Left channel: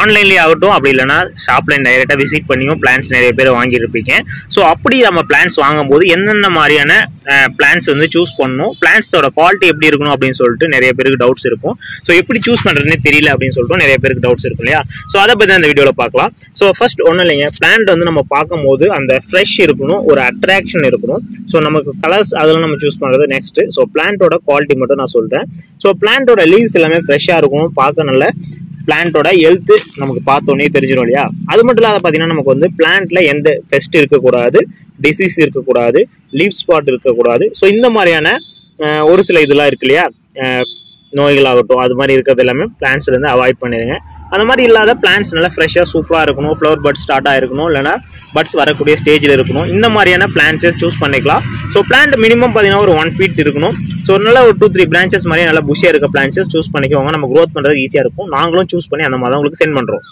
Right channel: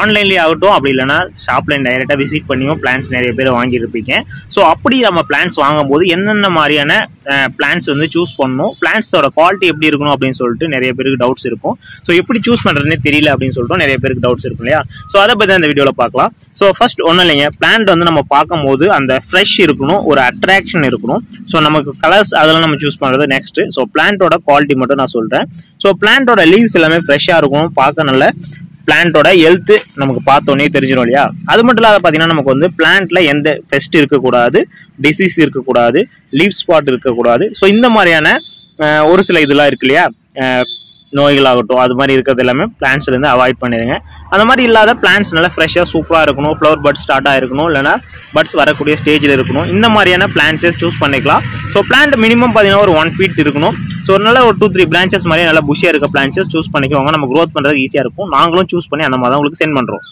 ஆன்லைன்லேயே ஆகட்டும், அப்படி இல்லைனா ஷாப்பில் டைரெக்டாக விசிட் பண்ணியும் பிளான்ஸ் நிறைய பேர் வாங்கியிருப்பீங்க. ஸோ அப்படி நம்ம பிளான்ஸ் வாங்கும்போது என்னென்ன மாதிரியான பிளான்ஸ் வந்து சூஸ் பண்ணணும், பிளான்ஸோட குவாலிட்டி எப்படி இருக்கணும் அப்படின்னு சொல்லிட்டு நிறைய பேருக்கு டவுட்ஸ் இருக்கும். ஸோ எப்படி சூஸ் பண்ணுறதுனே தெரியல அப்படின்னு சொல்லிட்டு நிறைய பேருக்கு டவுட்ஸ் இருக்கும் இல்லையா? ஸோ அதை பற்றி அந்த வீடியோவில் பார்க்கலாம். ஸோ ஃபர்ஸ்ட் ஒன்றும் இல்லைங்க, பிளான்ட் வந்து நம்ம பார்க்கும்போது அந்த ஃப்ரெஷ் இருக்கணும், ஒரு அட்ராக்ஷன் இருக்கணும். ஸோ நமக்கு கலர்ஸ் அதெல்லாம் நம்ம சூஸ் பண்ணுறது நெக்ஸ்ட்டு. ஸோ பிளான்ட்டோட குவாலிட்டி மட்டும் நான் சொல்கிறேன். ஸோ பிளான்ட்டோட லீவ்ஸ் எல்லாமே ஃப்ரெஷ்ஷாக இருக்கணும், பார்க்க நல்ல பிளான்ட்டோட ஹெல்த் நமக்கு பார்த்தோன்னே தெரிஞ்சிடும் இல்லையா? அது மட்டும் இல்லாத பார்த்தீங்கன்னா நமக்கு வந்து பிளான்ட்ல எந்த பெஸ்ட் இருக்கக்கூடாது, டிசீஸ் இருக்கக்கூடாது, லீவ் ஸ்பாட் இருக்கக்கூடாது. ஸோ இந்த மாதிரியான ஒரு சில இதெல்லாம் இருக்கு இல்லையா, நோய்களாகட்டும், அது மாதிரி இருக்கிறது எல்லாமே பிளான்ட்ஸ்லேருந்து அவாய்ட் பண்ணிடுங்க. அந்த மாதிரி இல்லாத பிளான்ட்ஸ் நல்லா ஃப்ரெஷ்ஷாக சூப்பராக இருக்கணும், ஃப்ளவர் பட்ஸ் ஸ்டார்ட் ஆகிருக்கணும், இல்லைனா பட்ஸ் வரக்கூடிய ஸ்டேஜில் இருக்கணும். இந்த மாதிரியான பிளான்ட்ஸை சூஸ் பண்ணிக்கலாம். ஸோ பிளான்ட் மினிமம் பார்த்தீங்கன்னா ஒரு 1 feet இருக்கணும். ஸோ நல்லா ஒரு 2-3 branches மாதிரி நல்லா புஷியாக இருக்க பிளான்ட்ஸஸ் சூஸ் பண்ணிக்கோங்க. நம்ம க்ரோத் பண்ணுறது ஈஸியாக இருக்கும். நாங்களும் சூஸ் பண்ணி அந்த மாதிரி தான் உங்களுக்கு சென்ட் பண்ணுறோம்.